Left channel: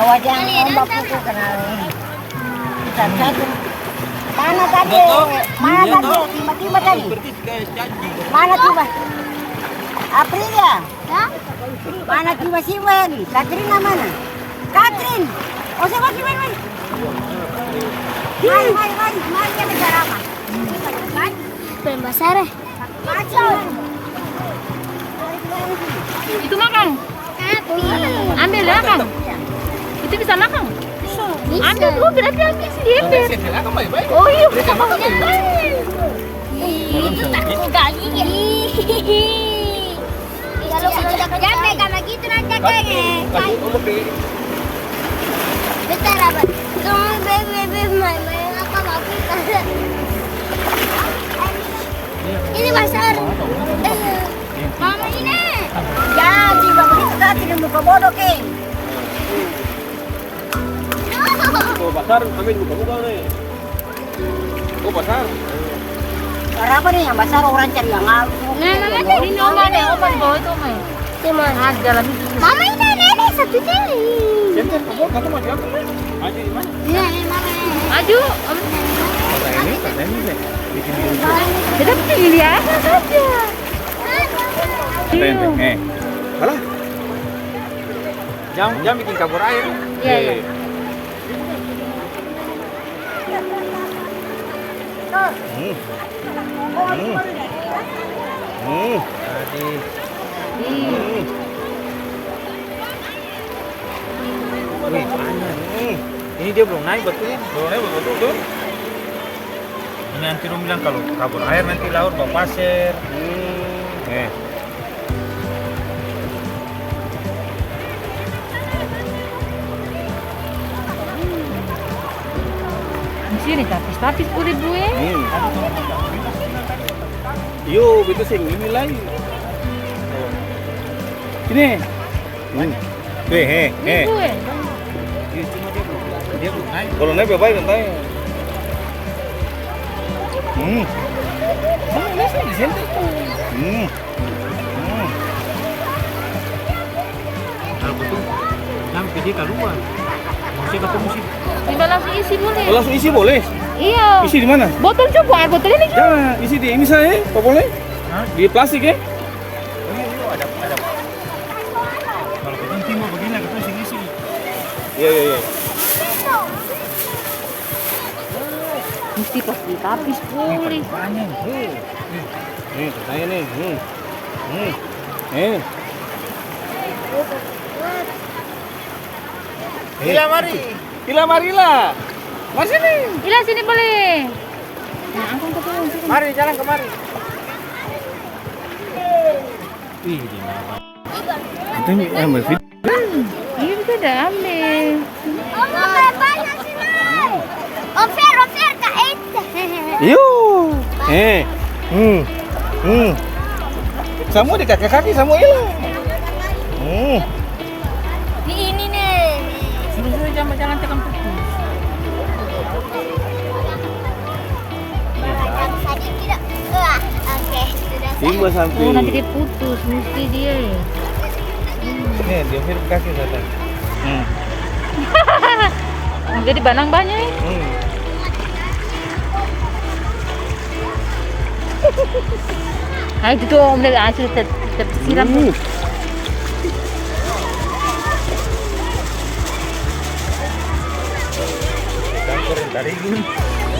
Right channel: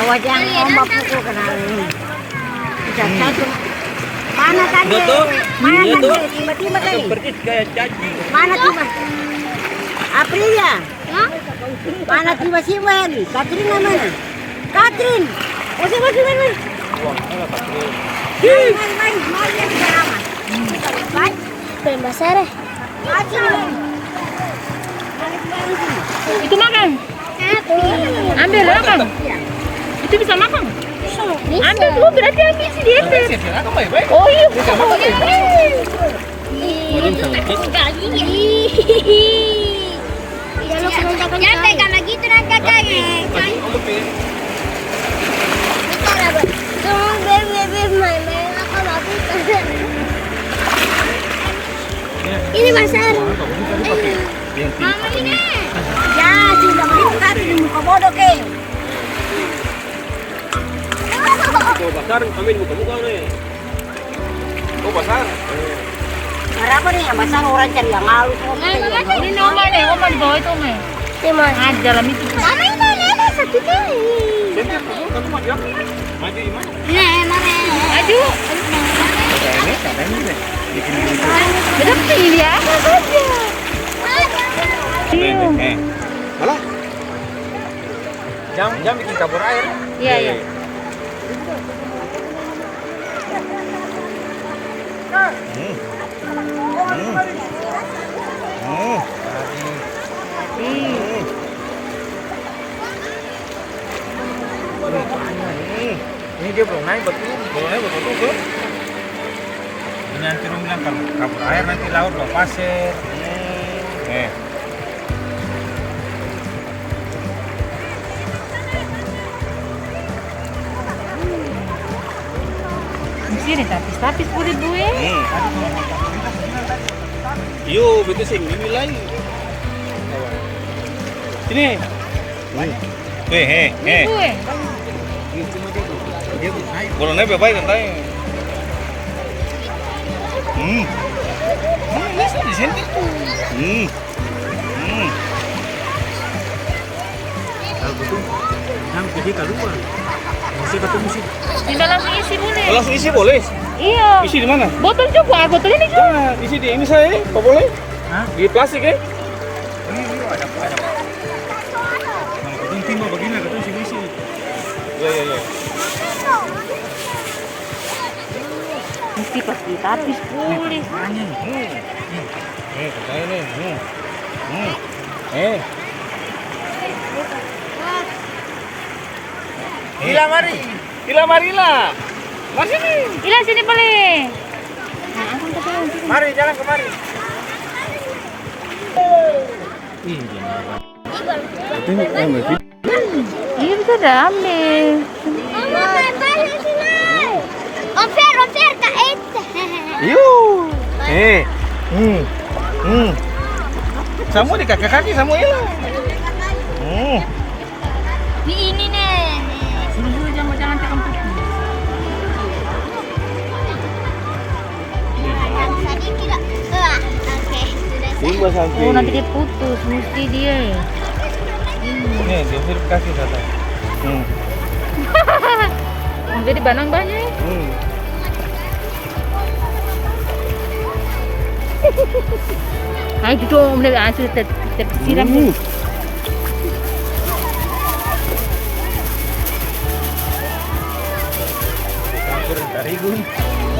Wajang ombak pukul kenalin. Satu. Mana tadi? Mana tadi? Tiba-tiba tadi. Mana tiba? Aprilia. Mana tiba si Wen? Katrina mana? Katrin. Masih main. Main yang selamat. Ben besar. Itu makan. Ambil lah Kang. Itu bisa makan. Ambil tuh berarti ambil si Debet. Oh iya. Itu takut sekali. Jangan pegang lagi itu nanti kakaknya. Bentar abang. Tunggu bebe main apa lagi? Ini besar. Mama ini. Ya, si mama itu tadi di muka bodoh ke. Kau pasar, ambil muka-muka nih. Kau pasar. Cara apa nih? Yang besar orang cari yang malu. Ini Oma nih, Oma di bawah itu Oma. Cuma. Ah, dalam itu tuh. Mama ini satu kali. Senter, kau maju apa? Maju gimana? Maju. Kata ini deh. Bikin gitu. Beda pilih apa saja. Alah. Jangan bikin kabur air. Iya. Ini dia belum naik betul. Tuh. Ini nanti lu bilang kalau kabur air nanti laut bawa pasir. Di sini tapis boleh buih. Yo, betul sih ini lagi. Sini. Buih. Kalau naik baik katanya. Masih di sini. Nah, betul. Jangan pergi keluar. Masih ketemu sih. Tinggal langsung isi boleh. Kalau isi boleh. Iya. Isi di mana? Botol coba, air botolnya nih. Jangan isi di ini saya, kok boleh? Di plastik ya? Ada. Kalau ketemu timah begini, ketemu sini isi. Iya. Mesti pakai tapis boleh. Banyak. Katanya nih. Ila marilah. Mari sini. Ila sini boleh. Nah, angkat ke sini. Mari jalan kemari. Ini Iya bisa dah ambil. Mama banyak sini. Ofer Kak Ete. Yo. Semua di kaki semua hilang. Di ini nih. Suruh jangan jalan tekan tutup. Tadi tidak. Tiba sampai. Oh nanti dia putus, mesti dia. Nih, dia verifikasi katanya. Jadi banang banyak. Ayo itu om dari hasil siram nih. Terigu.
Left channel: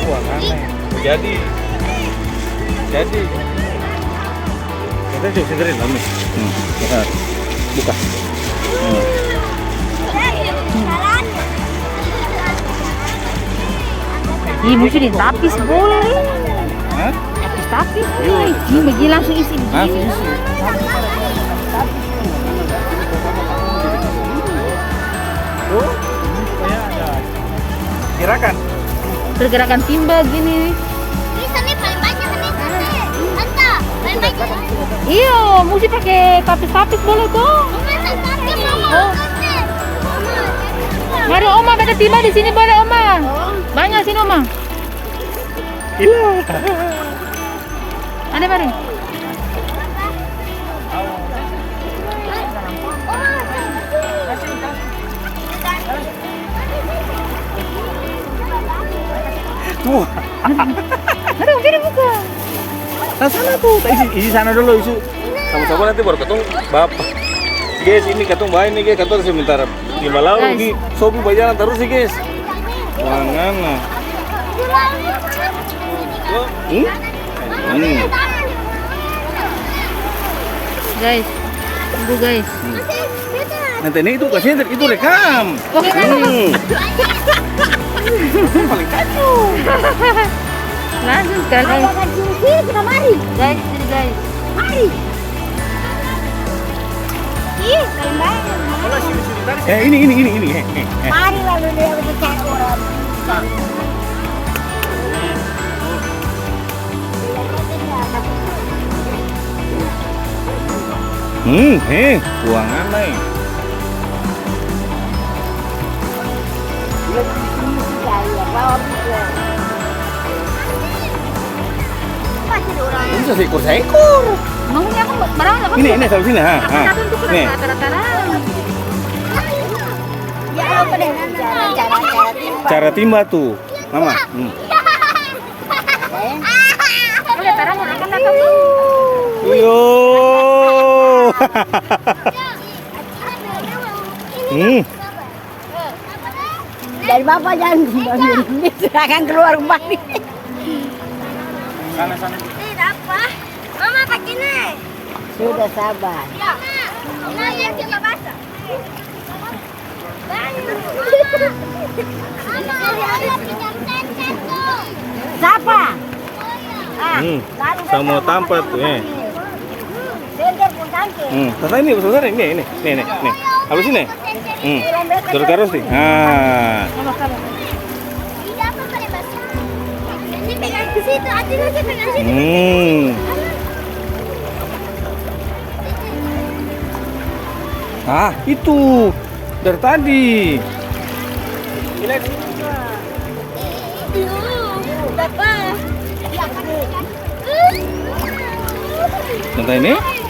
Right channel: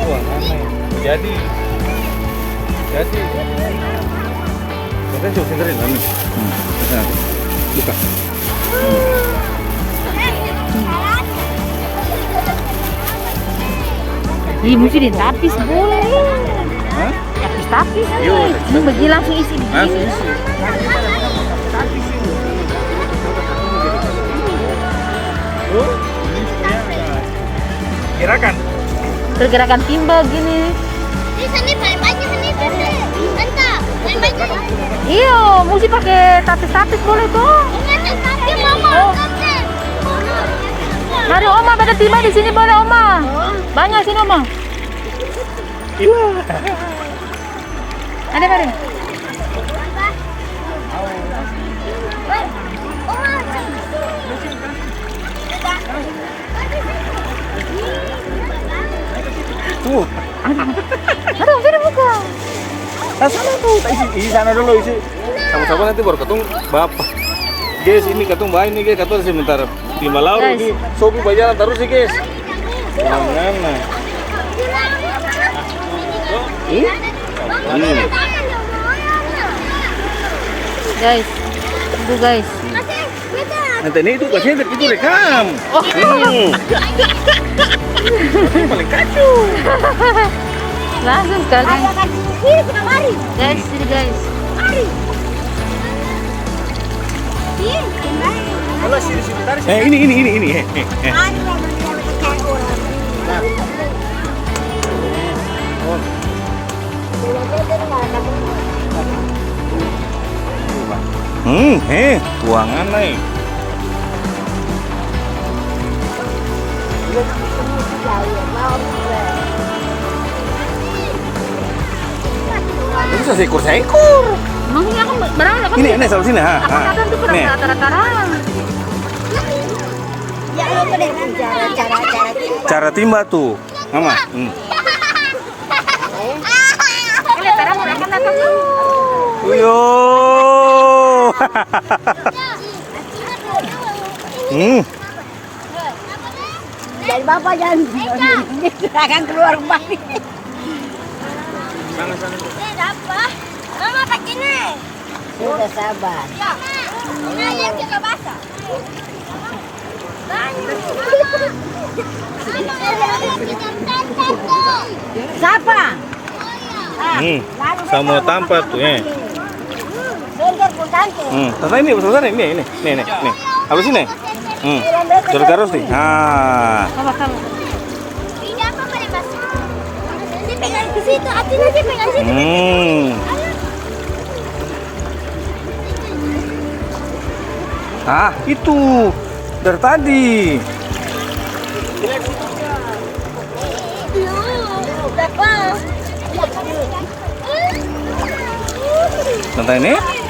Wah, aneh. Jadi. Kita coba sederin lah nih. Buka. Ini mesti ditapis boleh. Tapis. Ini bagi langsung isi begini. Tuh, ini supaya ada gerakan. Pergerakan timbal gini. Iya, mesti pakai tapis boleh tuh. Oh. Mari Oma, ada timbal di sini boleh Oma. Banyak sini Oma. Iya. Ada baru. Oh, Aduh, Firi buku. Nah sana tuh, isi sana dulu isi. Sama-sama nanti baru ketemu bapak. Guys, ini ketemu bayi nih guys, ketemu sebentar. Lima lalu ini, Sobi bajalan terus sih guys. Mana? Guys, tunggu guys. Nanti ini itu kasih itu rekam. Langsung sekali. Sini kita mari. Guys, sini guys. Mari. Sini, kembali. Ini. Mari lalu dia bercakap orang. Buangan nih. Bisa seekor. Maksudnya aku barang apa? Ini selalu sini ha. Apa kadang tuh kurang rata-rata. Ya, oke deh. Cara timpa. Cara timba tuh, Mama. Yo. Dari bapak jangan akan keluar rumah nih. Sana. Tidak apa. Mama pakai nih. Sudah sabar. Mama, dia kita basah. Siapa? Sama tampak tuh ya. Bender pun cantik. Tata ini besar ini. Halus ini. Terus nih. Sama-sama. Ini apa pada basah? Ini pegang ke situ, hati lagi pegang situ. Itu dari tadi.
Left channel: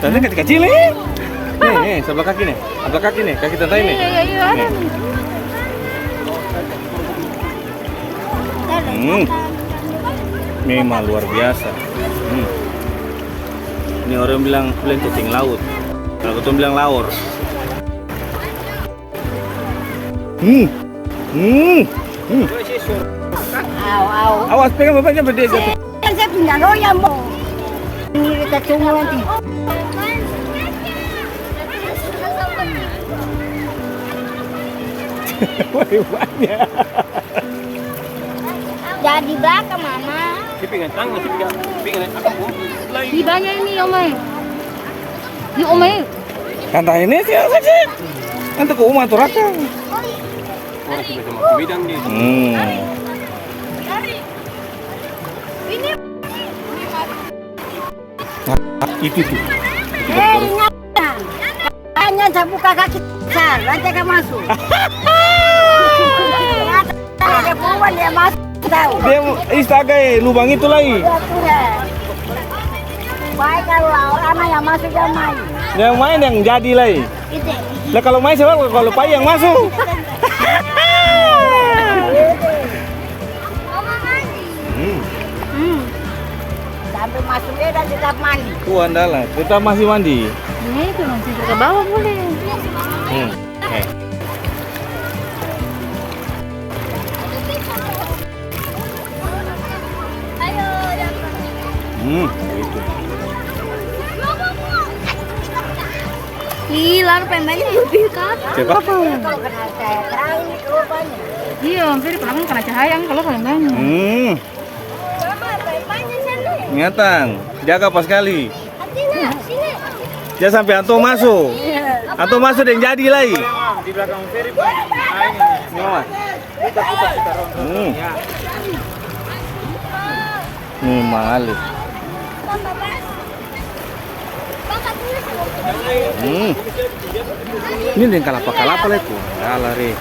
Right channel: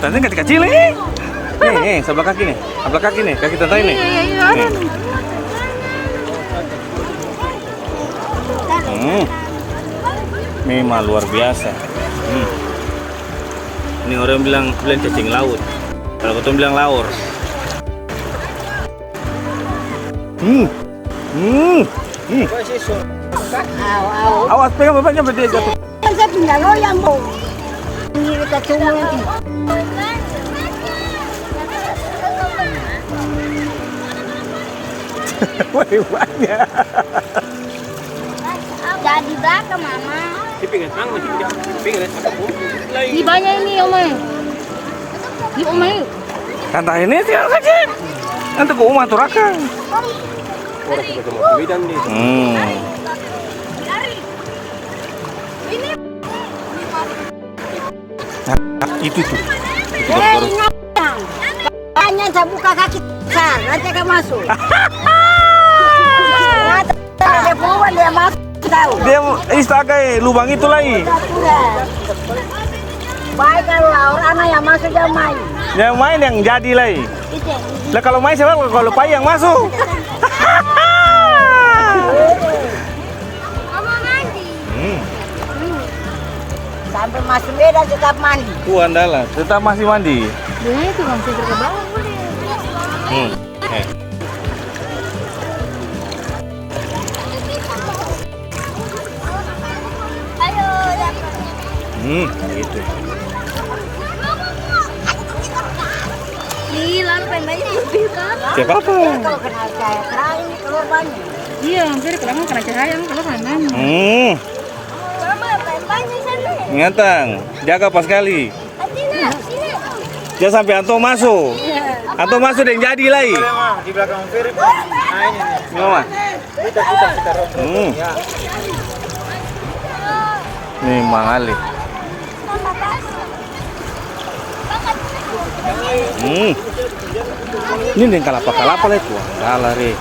Tante ini kecil ini. Nih, sebelah kaki nih. Kaki tante ini. Iya, ada nih. Memang luar biasa. Ini orang bilang cacing laut. Kalau ketemu bilang laur. Awas pegang bapaknya sampai dia jatuh. Saya punya loyang mau. Ini kita tunggu nanti. Banyak. Jadi belakang mama. Di banyak ini Omai. Di Omai. Tante ini sih kecil. Nanti ke rumah tuh rakang. Itu tuh. Hanya saya buka kaki besar, nanti akan masuk. Ada perempuan dia masuk tahu. Dia istagai lubang itu lagi. Baik kalau orang yang masuk yang main. Yang main yang jadi lagi. Lah kalau main siapa? Kalau pai yang masuk. Sampai masuk medan tetap mandi. Tuh andalan, tetap masih mandi. Dia itu langsung ke bawah boleh. Itu. Gila, pendeknya mobil kan? Siapa? Kalau kena saya terakhir keluar banyak. Iya, Firi pelanggan kena cahaya kalau paling banyak. Mama, banyak sana. Ingatan, jaga pas kali. Atina, sini. Jangan sampai antum masuk. Antum masuk dan jadi lagi. Di belakang Ferry. Nah ini nih. Mama. Kita ronron. Ya. Memang alih. Papa pas. Ini dengan kalapa lah itu. Dalah re.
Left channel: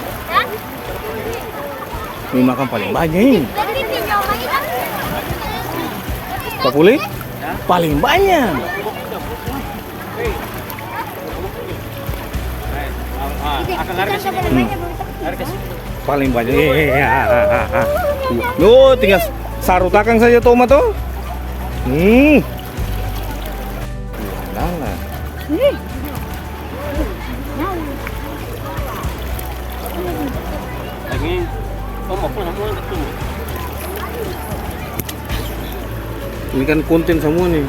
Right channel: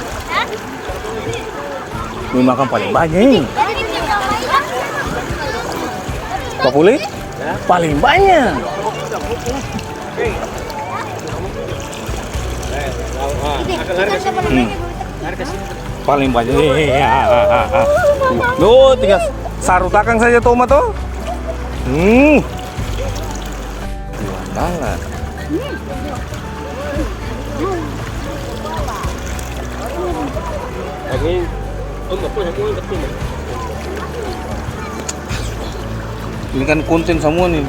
Ini makan paling banyak. Pak Puli? Paling banyak. Paling banyak. Loh, tinggal sarutakan saja tomat tuh. Wandangan. Ini kan konten semua nih.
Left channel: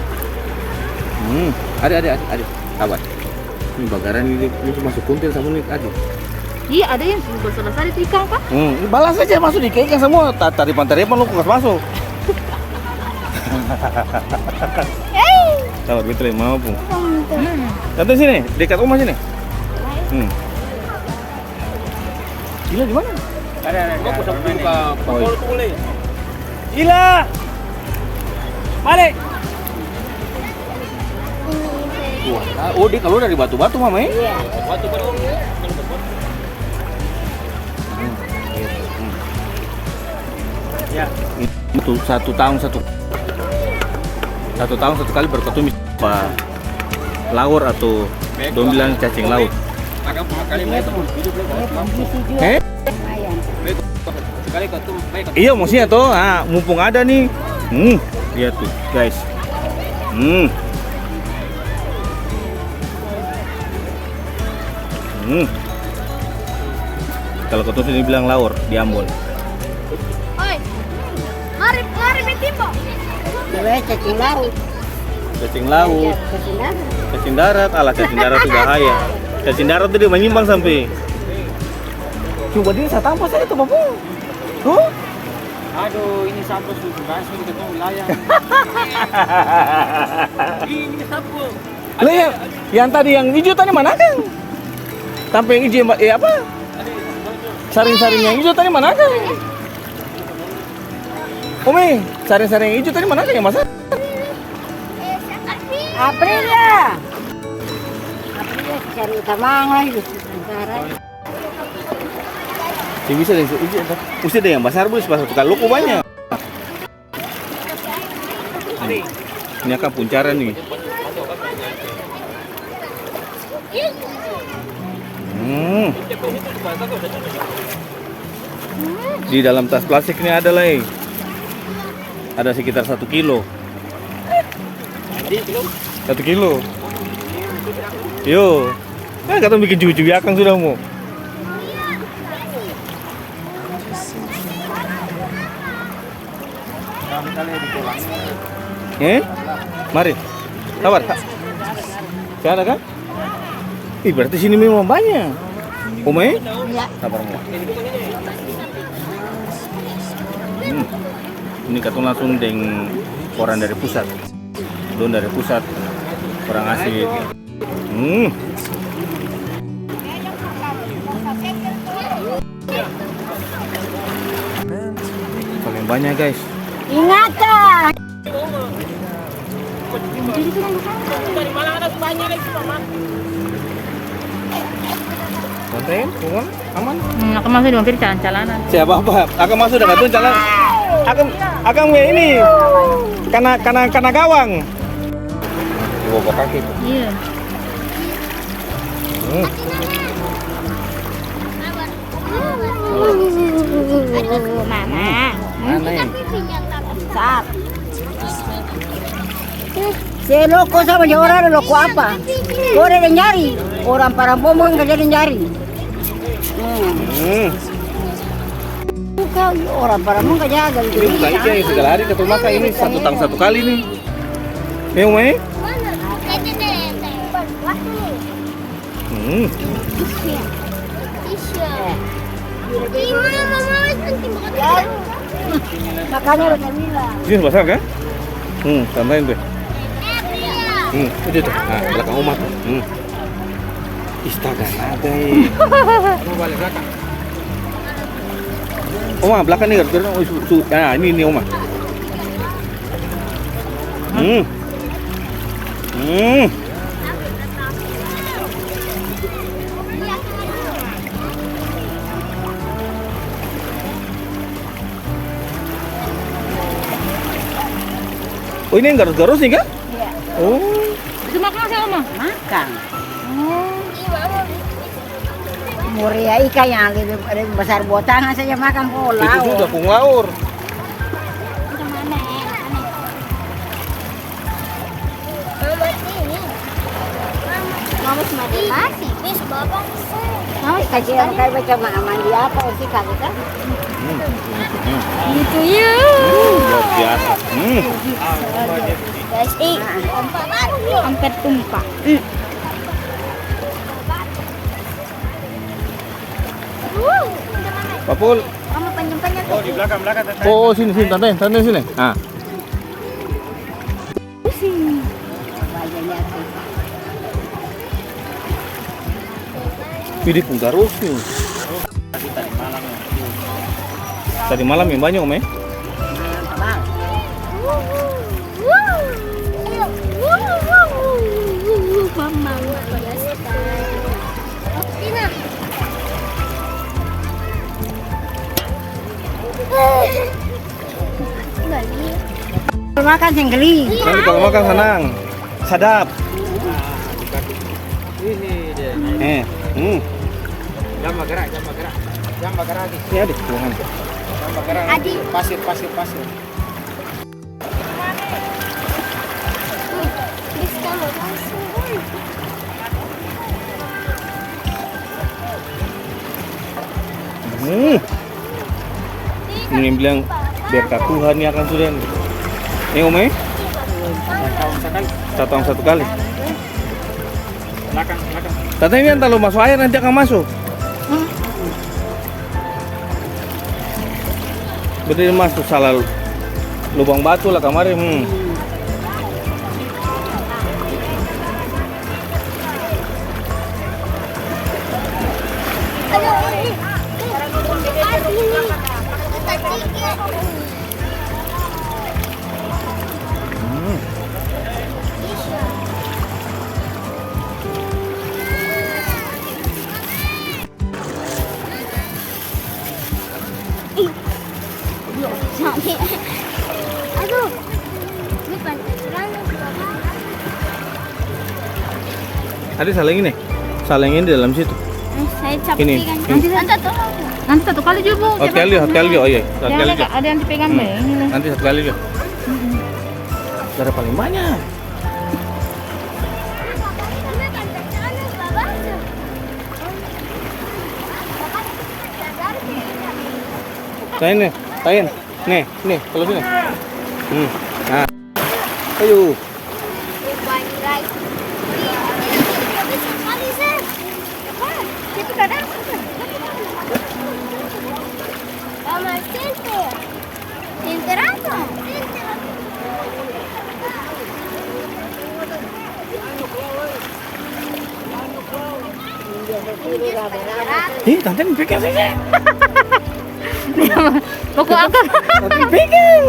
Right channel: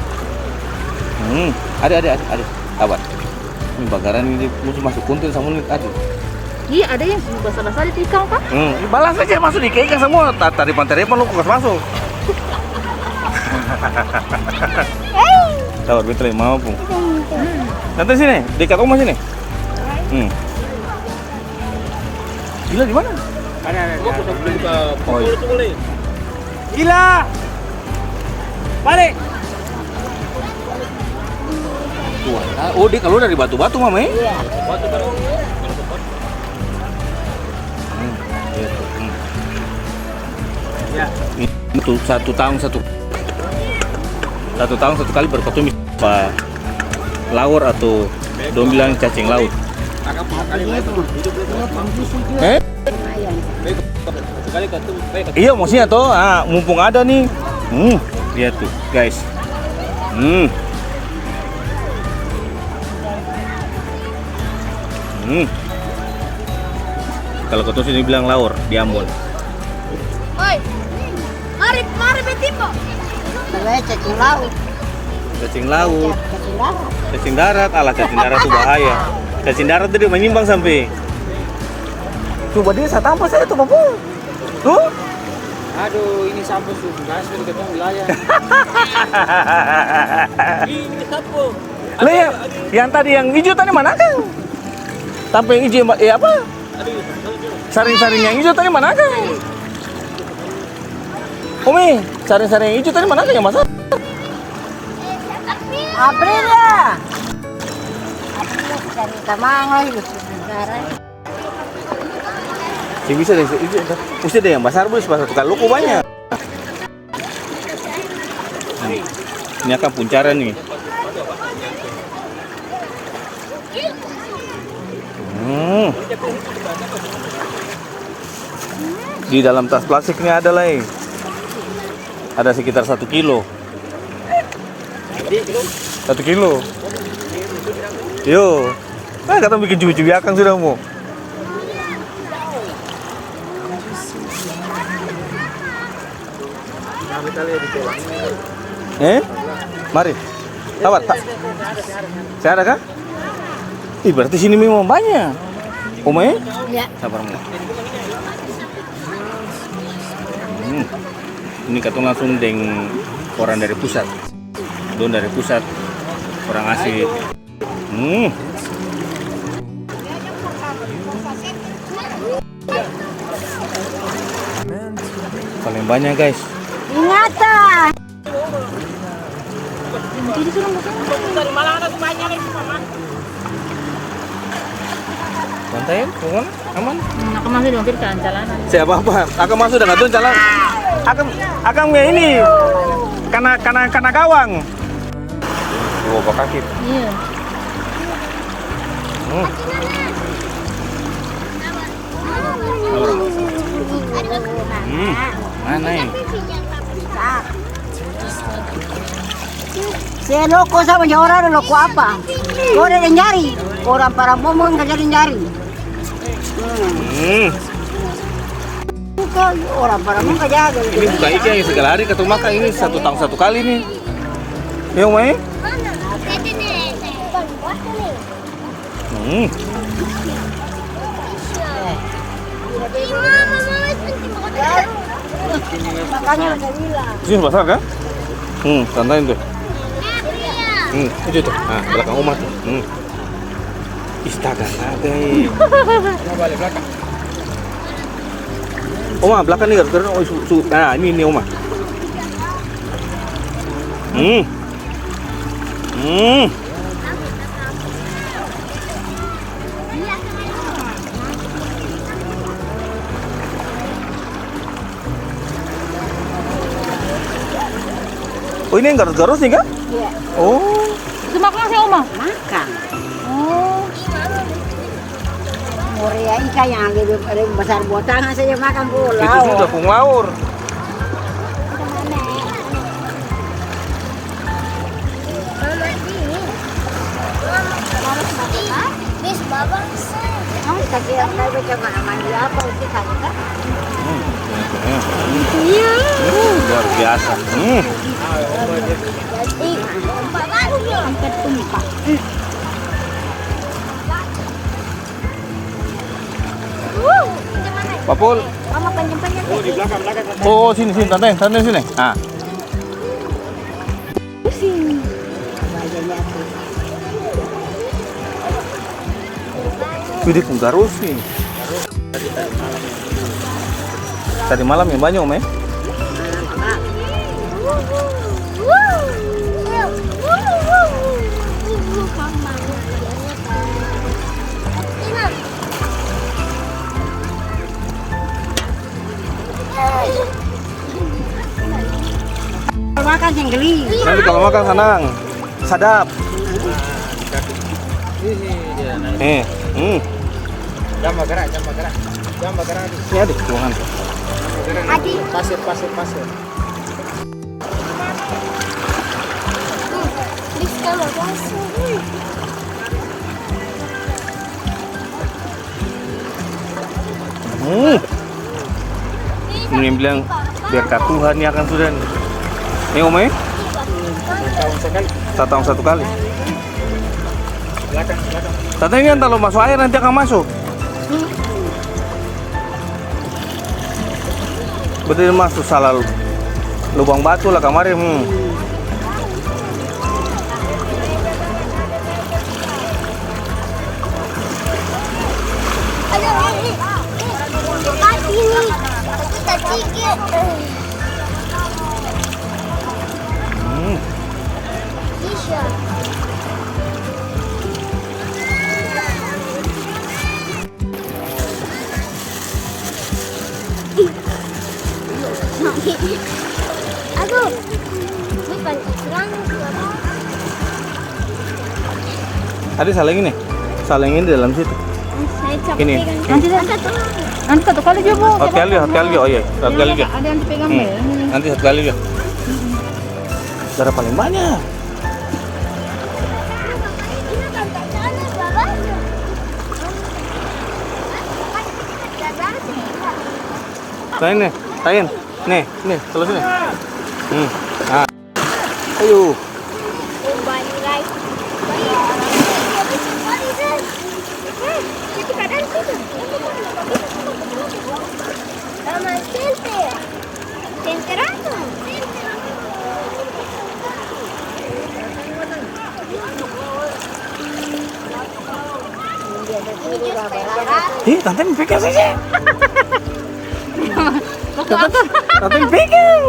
Ada. Sabar. Ini bakaran ini mesti masuk konten semua nih, ada. Iya, ada yang basah-basah di ikan kan? Balas aja masuk di ikan semua. Tadi pantai Repan lu kok masuk. Sabar, betul ya, mau pun. Datang sini, dekat rumah sini. Gila di mana? Gila. Balik. Oh, dia kalau dari batu-batu, Mama. Iya. Batu-batu. Ya. Itu 1 tahun satu kali berketemu apa laur atau dong bilang cacing laut. Iya, maksudnya toh, mumpung ada nih. Lihat tuh, guys. Kalau ketemu sini bilang laur di Ambon. Oi. Mari betimbo. Namanya cacing laut. Cacing laut, Cacing darat. cacing darat, cacing darat tuh bahaya. Cacing darat tuh dia menyimbang sampai. Coba dia saya tampar saya tuh, Bapak. Tuh. Aduh, ini sampul susu basmi di ketemu wilayah. Ini sampul. Lah yang tadi yang hijau tadi mana kan? Sampai yang hijau apa? Saring-saring yang hijau tadi mana kan? Umi, saring-saring yang hijau tadi mana kan yang masak? Aprilia. Aprilia cari tamang lagi sekarang. Ya bisa deh, mesti deh yang besar bos, pasar tukar loko banyak. Ini akan puncaran nih. Di dalam tas plastik ini ada lah. Ada sekitar 1 kilo. 1 kilo. Yo. Kata bikin cucu akang sudah mau. Mari. Sabar. Saya ada kan? Ih, berarti sini memang banyak. Ome? Iya. Sabar mau. Ini katong langsung deng orang dari pusat. Don dari pusat. Orang asli. Paling banyak, guys. Ingatan. Jadi kurang makan. Santai, aman, aman. Aku masih di mampir jalan-jalanan. Siapa apa? Akan masuk dengan tuh jalan. Akan ini karena gawang. Coba kaki. Iya. Mana ini? Si loko sama dia orang loko apa? Kau ada yang nyari. Orang para bomong nggak jadi nyari. Bukan orang para bomong nggak jaga. Ini bukan ikan yang segala hari ketemu makan ini 1 tahun 1 kali nih. Ya, Mai? Makanya udah bilang. Sini basah kan? Santain tuh. Itu tuh. Nah, belakang rumah tuh. Istaga, ada. Oma, belakang nih gara-gara nah, ini Oma. Oh, ini yang garus-garus nih kan? Iya. Oh. Itu makan sih, Oma? Makan. Oh. Muria ikan yang lebih besar buat tangan saja makan pulau. Itu sudah kung laur. Babang say. Kasi ang kayo ba siya mandi apa sih kita? Itu ya. Luar biasa. Let's eat. Angkat tumpak. Papul. Mama panjang-panjang. Oh, di belakang. Oh, sini tante sini. Ah. Pilih pun garus nih. Tadi malam yang banyak om ya? Makan jenggeli. Nanti kalau makan senang, sadap. Ini dia. Jamba gerak. Ini ada Tuhan. Jamba gerak. Adi. Pasir. Bisa langsung. Ini yang bilang berkat Tuhan ini akan sudah nih. Ini om ya? Tahun sekali. 1 tahun 1 kali. Belakang. Tante ini kalau masuk air nanti akan masuk. Betul masuk salah lubang batu lah kemarin. Ayo, ini. Kasih ini. Kita cikir. Bisa. Aduh. Bukan serang Bapak. Ada salingin nih. Salingin di dalam situ. Saya capek Ini. kan. Nanti satu kali dia bu. Satu kali oh iya, satu kali dia. Ada yang dipegang deh. Ini. Nanti 1 kali dia. Darah paling banyak. Tain. Nih, kalau sini. Ah. Ayo. Tante pegang saja. Mau ku angkat. Tante pegang.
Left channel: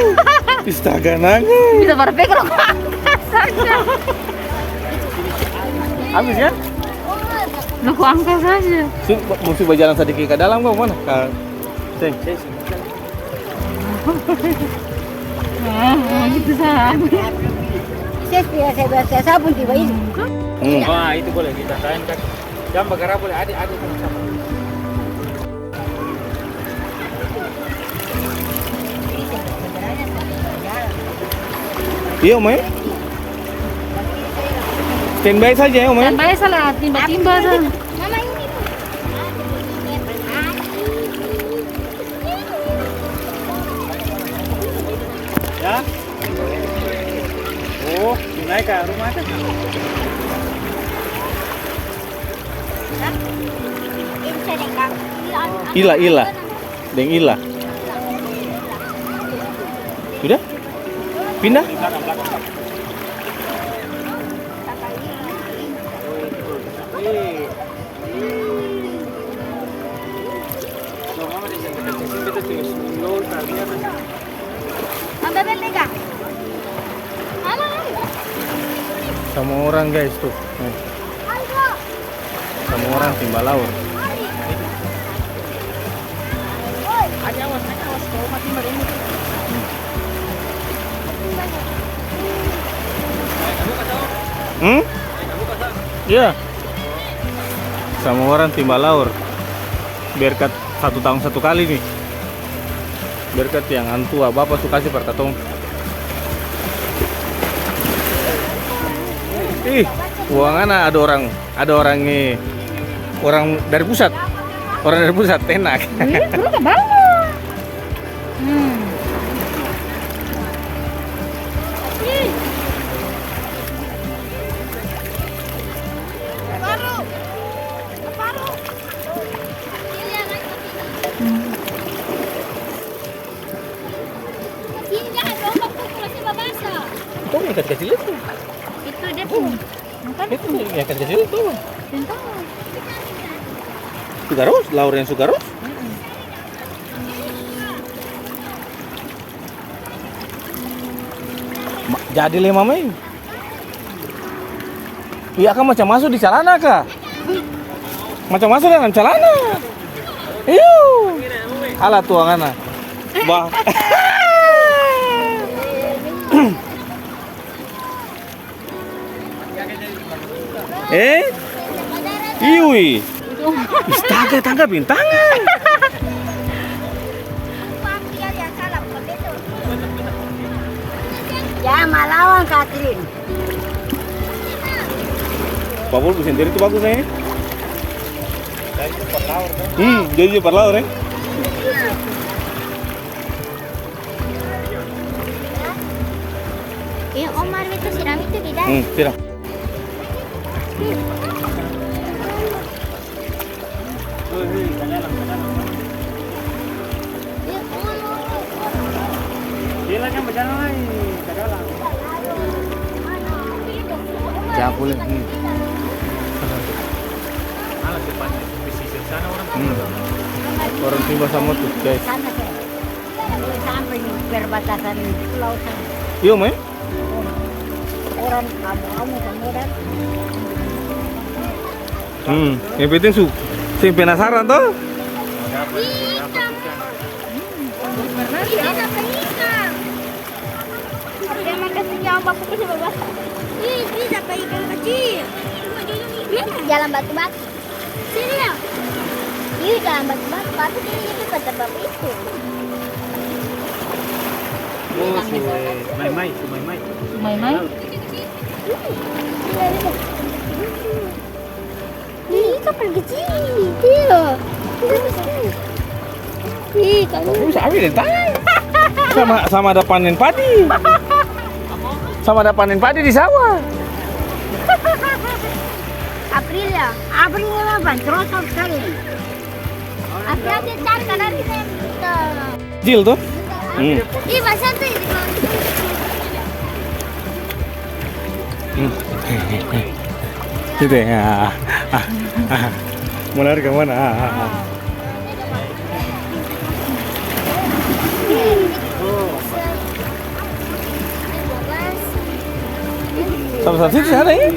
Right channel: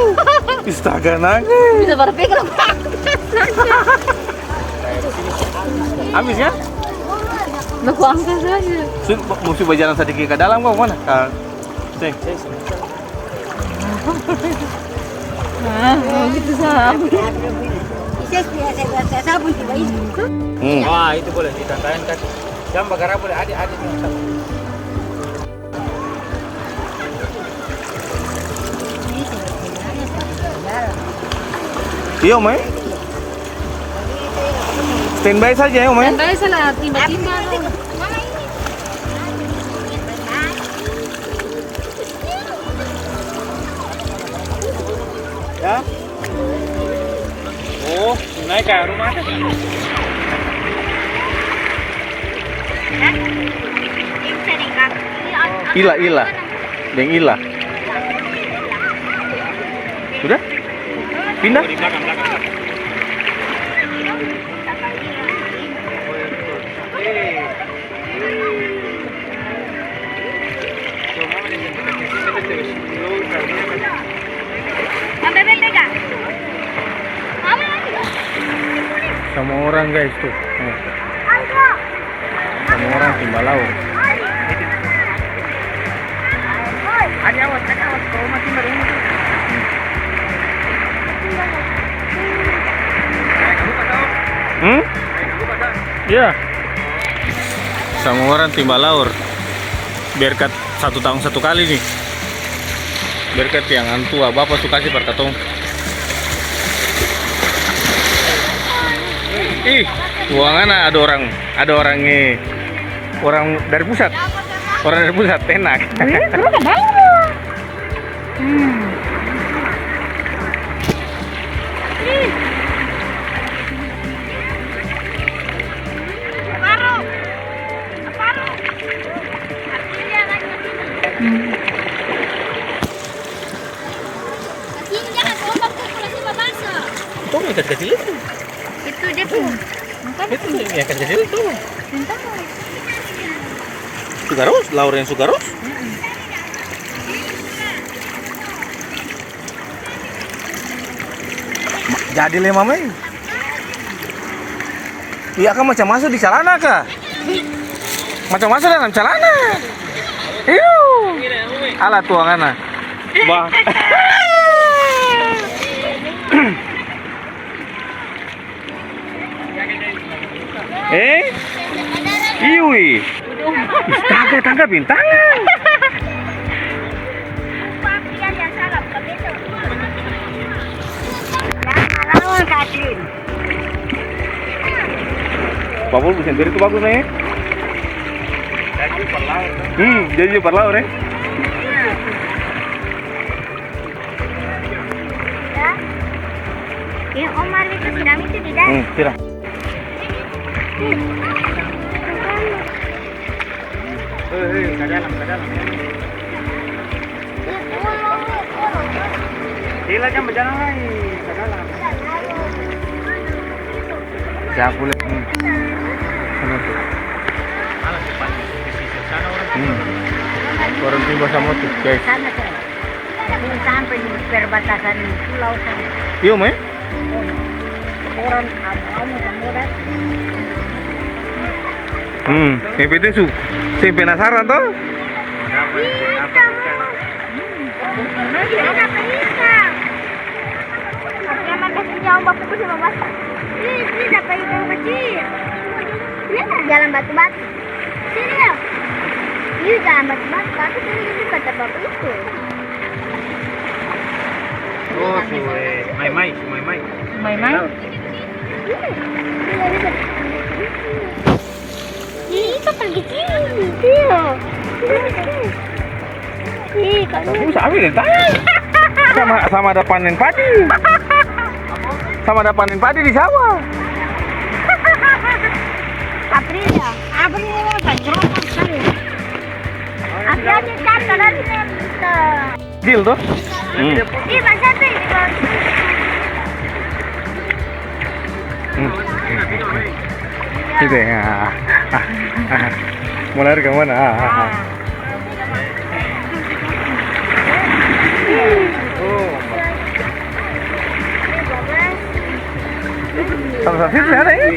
Astaga nangis. Bisa berpegang. Habis ya? Udah ku angkat saja. Mesti berjalan sedikit ke dalam kau mana? Ceng. Gitu salah. Saya sabun tiba ini. Wah, itu boleh ditandain kan. Jamba gerak boleh. Adik. Iya om ya? Standby saja ya om ya? Baik salah timba-timba dah. Ya. Oh, naik ke rumah teh. Ila. Deng ila. Sudah? Pindah? Di belakang. Sama orang guys tuh. Sama orang timba laut. Awas, kau mati mereng itu. Iya. Sama orang timba laut. Berkat 1 tahun 1 kali nih. Berkat yang antua bapak tuh kasih perkatong. Ih, uangan ada orang nih. orang dari pusat. Orang dari pusat enak. Wih, terus ke bawah. Ini jangan ombak populasi babasa. Itu yang kecil itu. Itu dia tuh. Makan. Itu yang kecil itu. Bintang. Sugaros, Lauren Sugaros. Jadi le mamai. Iya kan macam masuk di celana kah? Macam masuk dalam celana. Iyo. Alah tuangan. Bah. Iwi. Astaga, tangga bintangan. Jangan melawan Katlin. Papul sendiri itu bagus nih. Jadi perlaur ya. Yang Omar itu siram itu tidak. Siram. Ke dalam. Gila kan berjalan ke dalam. Jangan boleh. Sana tuh. Orang timur sama tuh, guys. Sana saya. Ini sampai di perbatasan pulau sana. Iya, Mai. Orang kamu semua Yang penting saya penasaran toh. Ada ikan. Jangan kasih ombak populasi babasa. Ini dapat ikan kecil. Jalan batu-batu. Sini ya. Iya jalan batu-batu. Tapi ini kata bapak itu. Oh, Mai. Mai. Ini kapal kecil. Iya. Ih, kan. Kamu sabi deh tanya. Sama ada panen padi. Sama ada panen padi di sawah. April ya. April apa? Cocok sekali. April dia cantik dari sana. Kecil tuh. Ih, masa tuh ini Gitu ya. Mau lari ke mana? Sama-sama sini ada ya?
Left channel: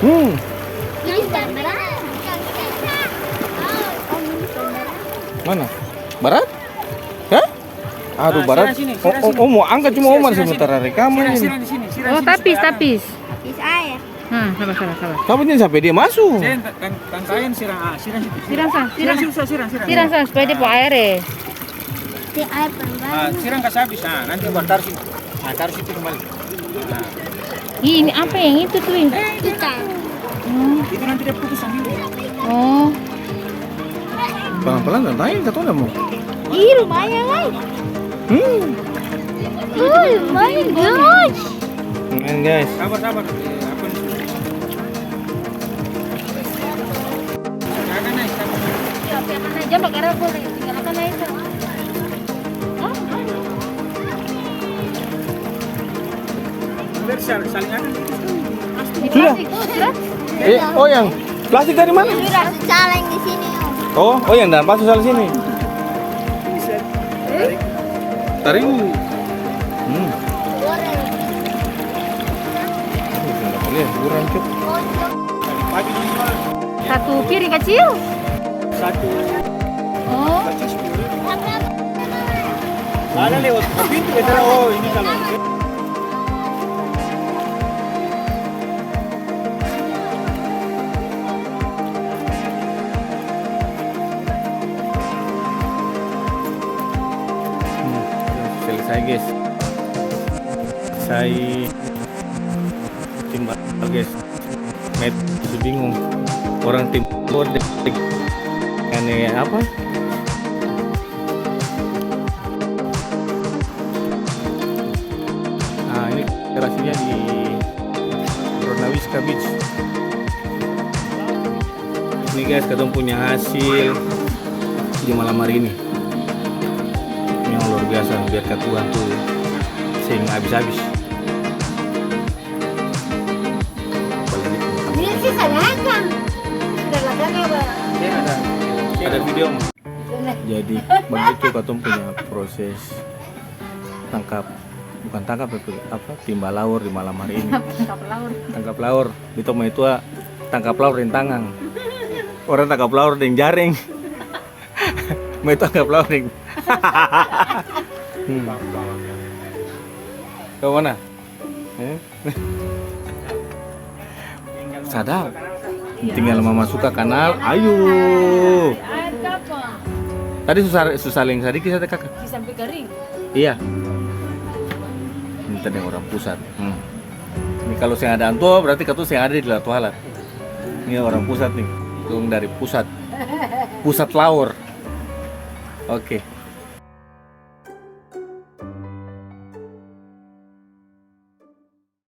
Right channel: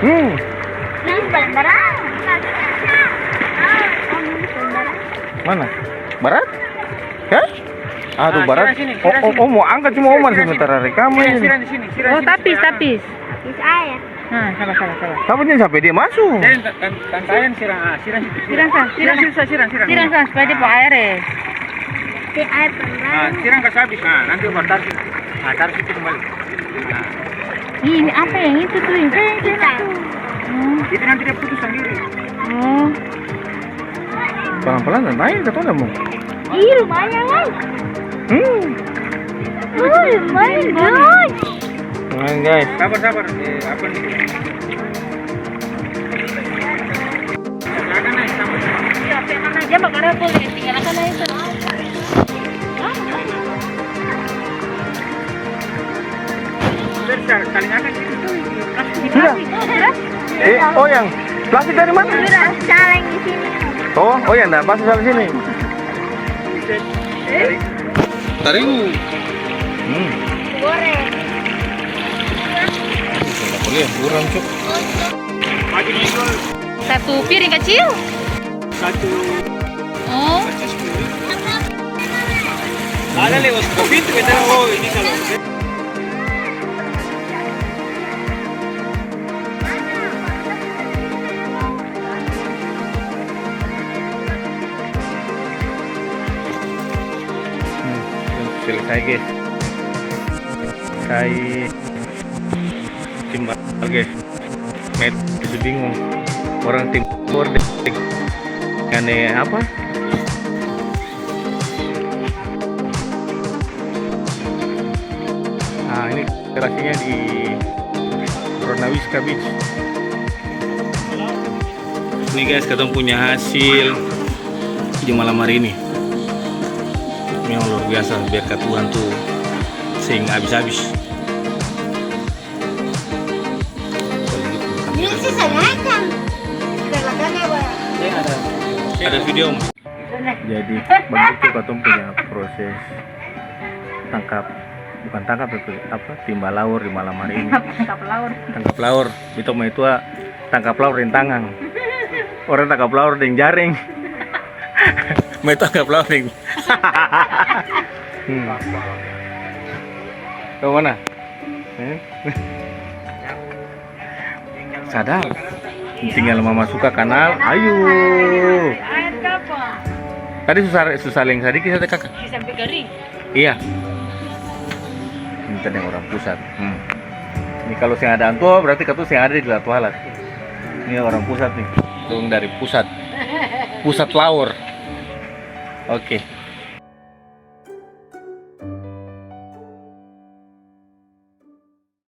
Ini bandara. Mana? Barat? Ya? Aduh, barat. Oh, mau angkat cuma Omar sementara rekaman. Siram di sini. Oh, tapis. Habis air. Nah, sabar. Kamu jangan sampai dia masuk. Tantayan siram situ. Siram supaya dia bawa air ya. Di air pelan. Siram kasih habis. Nanti baru taruh situ. Taruh situ kembali. Ini apa yang itu tuh? Ikan. Itu nanti dia putus sendiri. Oh. Pelan-pelan dan lain kata kamu. Ih, lumayan lah. Lumayan guys. Nah, guys. Sabar. Apa nih? Akan naik sabar. Akan aja mbak karena boleh tinggal akan naik sana. Saling akan gitu. Sudah. Oh yang plastik dari mana? Sudah saling di sini. Oh yang dan plastik saling sini. Tariu. Goreng. Nggak boleh, buram cuk. Pagi dijual Satu piring kecil. satu. Oh. Ada lewat ke pintu kita. Oh ini kalau. Selesai guys. Selesai timbal guys. Met masih bingung. Orang timur aneh apa? Nah ini lokasinya di Ronawiska Beach. Ini guys, kita punya hasil di malam hari ini. Memang luar biasa, biar Tuhan tuh sing habis-habis. Ini sih saya kan. Ada video mah. Jadi begitu kita punya proses bukan tangkap apa timba laur di malam hari ini. Tangkap laur. Itu mah itu tangkap laur rintangan. Orang tangkap laur dengan jaring. Mau tangkap laur dengan. Ke mana? Sadar. Tinggal mama suka kanal. Ayo. Air kapal. Tadi susah leng sedikit ada kakak. Sampai kering. Iya. Ini tadi yang orang pusat. Ini kalau saya ada antua berarti katu saya ada di Latu Halat. Ini orang pusat nih. Turun dari pusat. Pusat laur. Oke.